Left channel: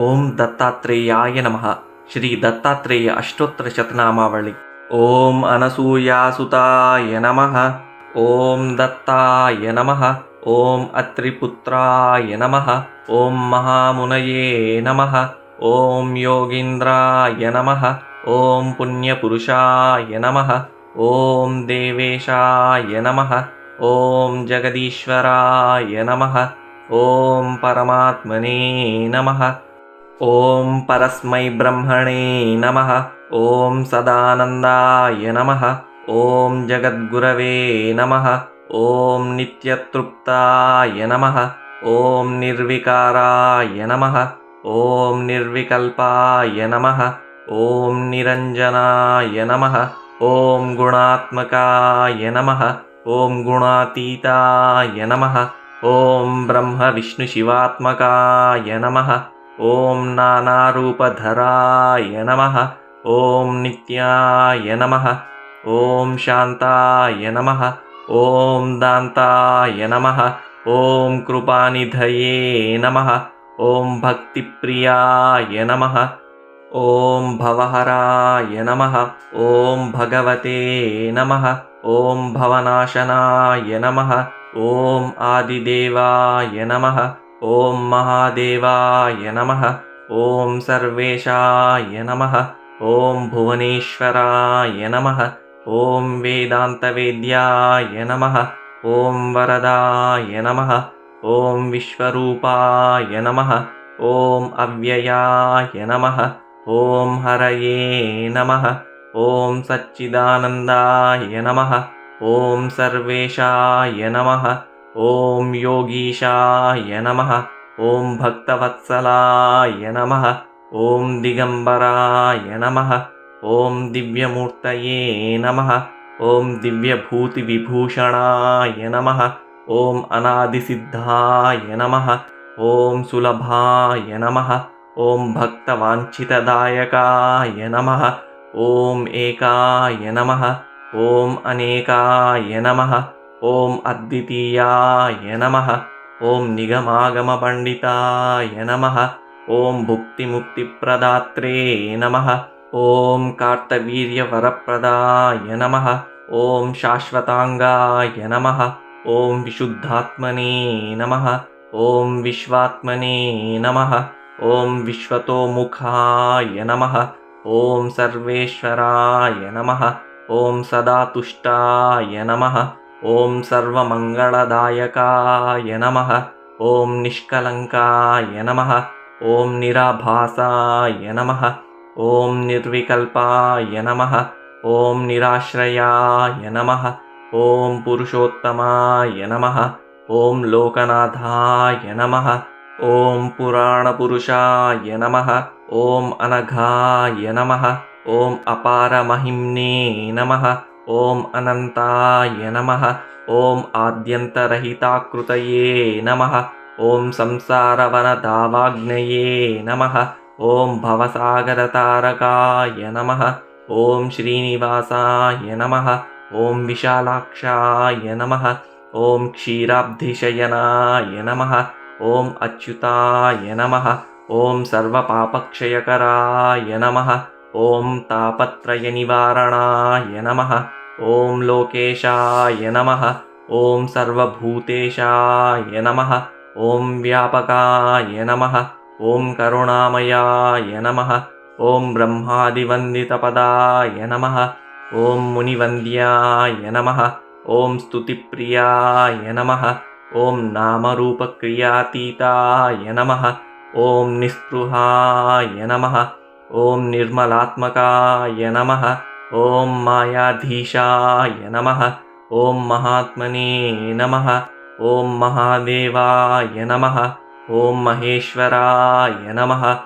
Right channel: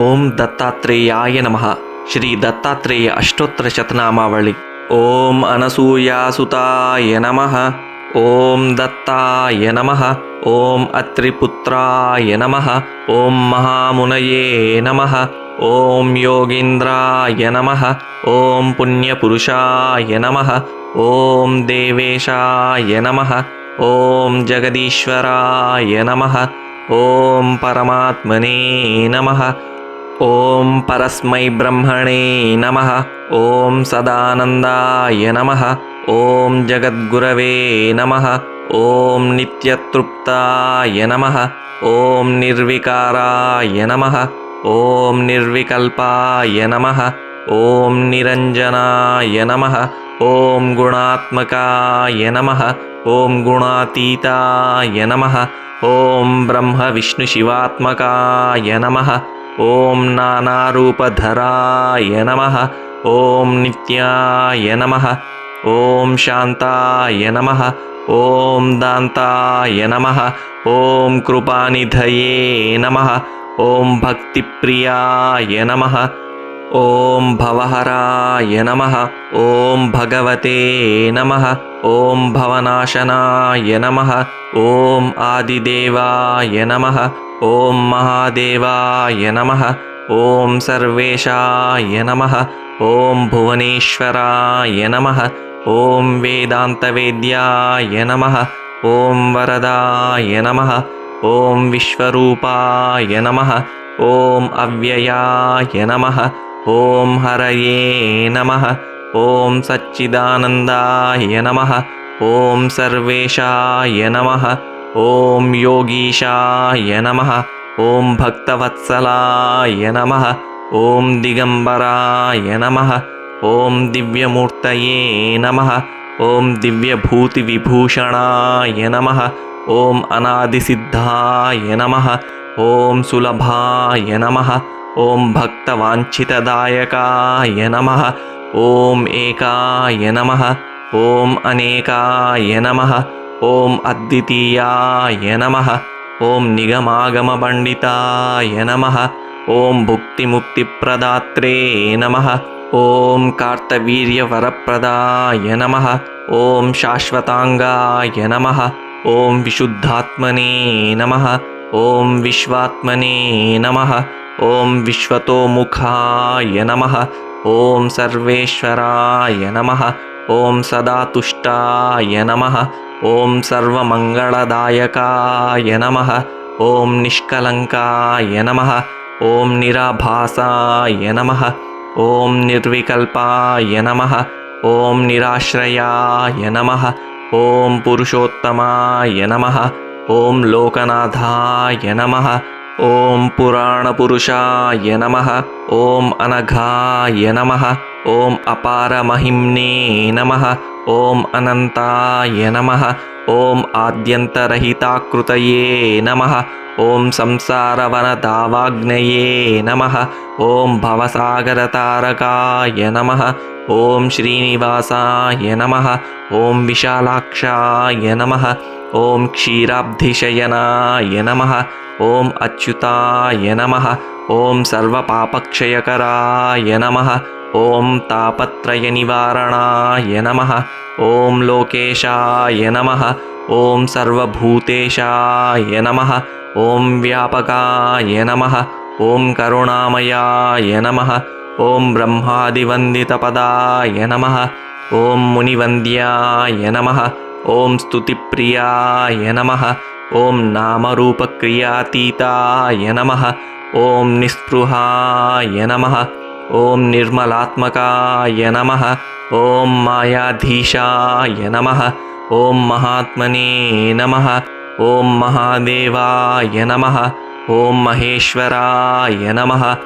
ಓಂ ದತ್ತಾತ್ರೇಯಾಯ ನಮಃ. ಶ್ರೀ ದತ್ತಾತ್ರೇಯ ಅಷ್ಟೋತ್ತರ ಶತನಾಮಾವಳಿ. ಓಂ ಅನಸೂಯಾಸುತಾಯ ನಮಃ. ಓಂ ದತ್ತಾಯ ನಮಃ. ಓಂ ಅತ್ರಿಪುತ್ರಾಯ ನಮಃ. ಓಂ ಮಹಾಮುನಯೇ ನಮಃ. ಓಂ ಯೋಗೀಂದ್ರಾಯ ನಮಃ. ಓಂ ಪುಣ್ಯಪುರುಷಾಯ ನಮಃ. ಓಂ ದೇವೇಶಾಯ ನಮಃ. ಓಂ ಜಗದೀಶ್ವರಾಯ ನಮಃ. ಓಂ ಪರಮಾತ್ಮನೇ ನಮಃ. ಓಂ ಪರಸ್ಮೈ ಬ್ರಹ್ಮಣೇ ನಮಃ. ಓಂ ಸದಾನಂದಾಯ ನಮಃ. ಓಂ ಜಗದ್ಗುರವೇ ನಮಃ. ಓಂ ನಿತ್ಯತೃಪ್ತಾಯ ನಮಃ. ಓಂ ನಿರ್ವಿಕಾರಾಯ ನಮಃ. ಓಂ ನಿರ್ವಿಕಲ್ಪಾಯ ನಮಃ. ಓಂ ನಿರಂಜನಾಯ ನಮಃ. ಓಂ ಗುಣಾತ್ಮಕಾಯ ನಮಃ. ಓಂ ಗುಣಾತೀತಾಯ ನಮಃ. ಓಂ ಬ್ರಹ್ಮ ವಿಷ್ಣು ಶಿವಾತ್ಮಕಾಯ ನಮಃ. ಓಂ ನಾನಾರೂಪಧರಾಯ ನಮಃ. ಓಂ ನಿತ್ಯಾಯ ನಮಃ. ಓಂ ಶಾಂತಾಯ ನಮಃ. ಓಂ ದಾಂತಾಯ ನಮಃ. ಓಂ ಕೃಪಾನಿಧಯೇ ನಮಃ. ಓಂ ಭಕ್ತಿಪ್ರಿಯಾಯ ನಮಃ. ಓಂ ಭವಹರಾಯ ನಮಃ. ಓಂ ಭಗವತೆ ನಮಃ. ಓಂ ಭವನಾಶನಾಯ ನಮಃ. ಓಂ ಆದಿದೇವಾಯ ನಮಃ. ಓಂ ಮಹಾದೇವಾಯ ನಮಃ. ಓಂ ಸರ್ವೇಶಾಯ ನಮಃ. ಓಂ ಭುವನೇಶ್ವರಾಯ ನಮಃ. ಓಂ ವೇದಾಂತವೇದ್ಯಾಯ ನಮಃ. ಓಂ ವರದಾಯ ನಮಃ. ಓಂ ವಿಶ್ವರೂಪಾಯ ನಮಃ. ಓಂ ಅವ್ಯಯಾಯ ನಮಃ. ಓಂ ಹರಯೇ ನಮಃ. ಓಂ ಸಚ್ಚಿದಾನಂದಾಯ ನಮಃ. ಓಂ ಸರ್ವೇಶಾಯ ನಮಃ. ಓಂ ಯೋಗೀಶಾಯ ನಮಃ. ಓಂ ಭಕ್ತವತ್ಸಲಾಯ ನಮಃ. ಓಂ ದಿಗಂಬರಾಯ ನಮಃ. ಓಂ ದಿವ್ಯಮೂರ್ತಯೇ ನಮಃ. ಓಂ ದಿವ್ಯಭೂತಿವಿಭೂಷಣಾಯ ನಮಃ. ಓಂ ಅನಾದಿಸಿದ್ಧಾಯ ನಮಃ. ಓಂ ಸುಲಭಾಯ ನಮಃ. ಓಂ ಭಕ್ತವಾಂಛಿತದಾಯಕಾಯ ನಮಃ. ಓಂ ಏಕಾಯ ನಮಃ. ಓಂ ಅನೇಕಾಯ ನಮಃ. ಓಂ ಅದ್ವಿತೀಯಾಯ ನಮಃ. ಓಂ ನಿಗಮಾಗಮಪಂಡಿತಾಯ ನಮಃ. ಓಂ ಭುಕ್ತಿಮುಕ್ತಿಪ್ರದಾತ್ರೇ ನಮಃ. ಓಂ ಕಾರ್ತವೀರ್ಯವರಪ್ರದಾಯ ನಮಃ. ಓಂ ಶಾಶ್ವತಾಂಗಾಯ ನಮಃ. ಓಂ ವಿಶುದ್ಧಾತ್ಮನೇ ನಮಃ. ಓಂ ವಿಶ್ವಾತ್ಮನೇ ನಮಃ. ಓಂ ವಿಶ್ವತೋಮುಖಾಯ ನಮಃ. ಓಂ ಸರ್ವೇಶ್ವರಾಯ ನಮಃ. ಓಂ ಸದಾತುಷ್ಟಾಯ ನಮಃ. ಓಂ ಸರ್ವಮಂಗಳದಾಯಕಾಯ ನಮಃ. ಓಂ ನಿಷ್ಕಲಂಕಾಯ ನಮಃ. ಓಂ ನಿರಾಭಾಸಾಯ ನಮಃ. ಓಂ ನಿರ್ವಿಕಲ್ಪಾಯ ನಮಃ. ಓಂ ನಿರಾಶ್ರಯಾಯ ನಮಃ. ಓಂ ಪುರುಷೋತ್ತಮಾಯ ನಮಃ. ಓಂ ಲೋಕನಾಥಾಯ ನಮಃ. ಓಂ ಪುರಾಣಪುರುಷಾಯ ನಮಃ. ಓಂ ಅನಘಾಯ ನಮಃ. ಓಂ ಅಪಾರಮಹಿಮ್ನೇ ನಮಃ. ಓಂ ಅನಂತಾಯ ನಮಃ. ಓಂ ಆದ್ಯಂತರಹಿತಾಕೃತಯೇ ನಮಃ. ಓಂ ಸಂಸಾರವನದಾವಾಗ್ನಯೇ ನಮಃ. ಓಂ ಭವಸಾಗರತಾರಕಾಯ ನಮಃ. ಓಂ ಶ್ರೀನಿವಾಸಾಯ ನಮಃ. ಓಂ ವಿಶಾಲಾಕ್ಷಾಯ ನಮಃ. ಓಂ ಕ್ಷೀರಾಬ್ಧಿಶಯನಾಯ ನಮಃ. ಓಂ ಅಚ್ಯುತಾಯ ನಮಃ. ಓಂ ಸರ್ವಪಾಪಕ್ಷಯಕರಾಯ ನಮಃ. ಓಂ ತಾಪತ್ರಯನಿವಾರಣಾಯ ನಮಃ. ಓಂ ಲೋಕೇಶಾಯ ನಮಃ. ಓಂ ಸರ್ವಭೂತೇಶಾಯ ನಮಃ. ಓಂ ವ್ಯಾಪಕಾಯ ನಮಃ. ಓಂ ಕರುಣಾಮಯಾಯ ನಮಃ. ಓಂ ಬ್ರಹ್ಮಾದಿವಂದಿತಪದಾಯ ನಮಃ. ಓಂ ಮುನಿವಂದ್ಯಾಯ ನಮಃ. ಓಂ ಸ್ತುತಿಪ್ರಿಯಾಯ ನಮಃ. ಓಂ ನಾಮರೂಪಕ್ರಿಯಾತೀತಾಯ ನಮಃ. ಓಂ ನಿಸ್ಪೃಹಾಯ ನಮಃ. ಓಂ ನಿರ್ಮಲಾತ್ಮಕಾಯ ನಮಃ. ಓಂ ಮಾಯಾಧೀಶಾಯ ನಮಃ. ಓಂ ಮಹಾತ್ಮನೇ ನಮಃ. ಓಂ ಮಹಾದೇವಾಯ ನಮಃ. ಓಂ ಮಹೇಶ್ವರಾಯ ನಮಃ.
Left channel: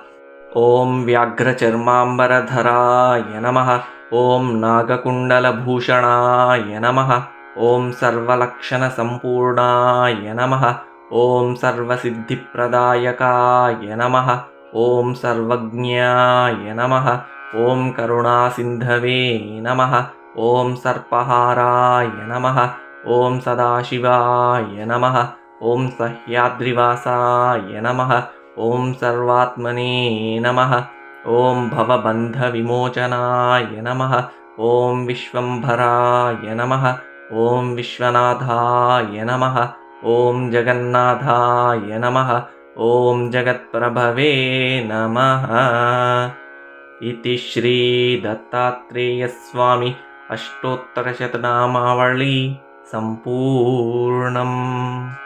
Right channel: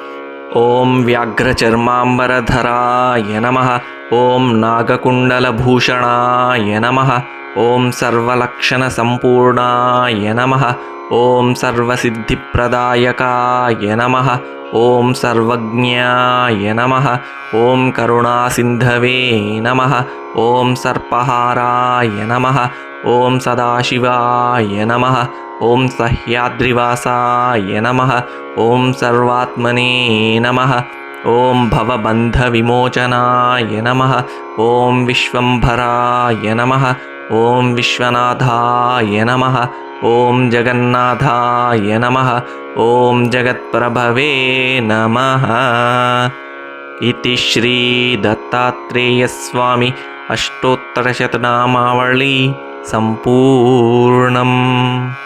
ಓಂ ವ್ಯಾಘ್ರಚರ್ಮಾಂಬರಧರಾಯ ನಮಃ. ಓಂ ನಾಗಕುಂಡಲಭೂಷಣಾಯ ನಮಃ. ಓಂ ಸರ್ವಲಕ್ಷಣಸಂಪೂರ್ಣಾಯ ನಮಃ. ಓಂ ಸರ್ವಸಿದ್ಧಿಪ್ರದಾಯಕಾಯ ನಮಃ. ಓಂ ಸರ್ವಜ್ಞಾಯ ನಮಃ. ಓಂ ಕರುಣಾಸಿಂಧವೇ ನಮಃ. ಓಂ ಸರ್ಪಹಾರಾಯ ನಮಃ. ಓಂ ಸದಾಶಿವಾಯ ನಮಃ. ಓಂ ಸಹ್ಯಾದ್ರಿವಾಸಾಯ ನಮಃ. ॐ सर्वात्मने नमः। ॐ भवबन्धविमोचनाय नमः। ॐ विश्वम्भराय नमः। ॐ विश्वनाथाय नमः। ॐ जगन्नाथाय नमः। ॐ जगत्प्रभवे नमः। इति श्रीदत्तात्रेयस्वामी अष्टोत्तरशतनामावली सम्पूर्णम्।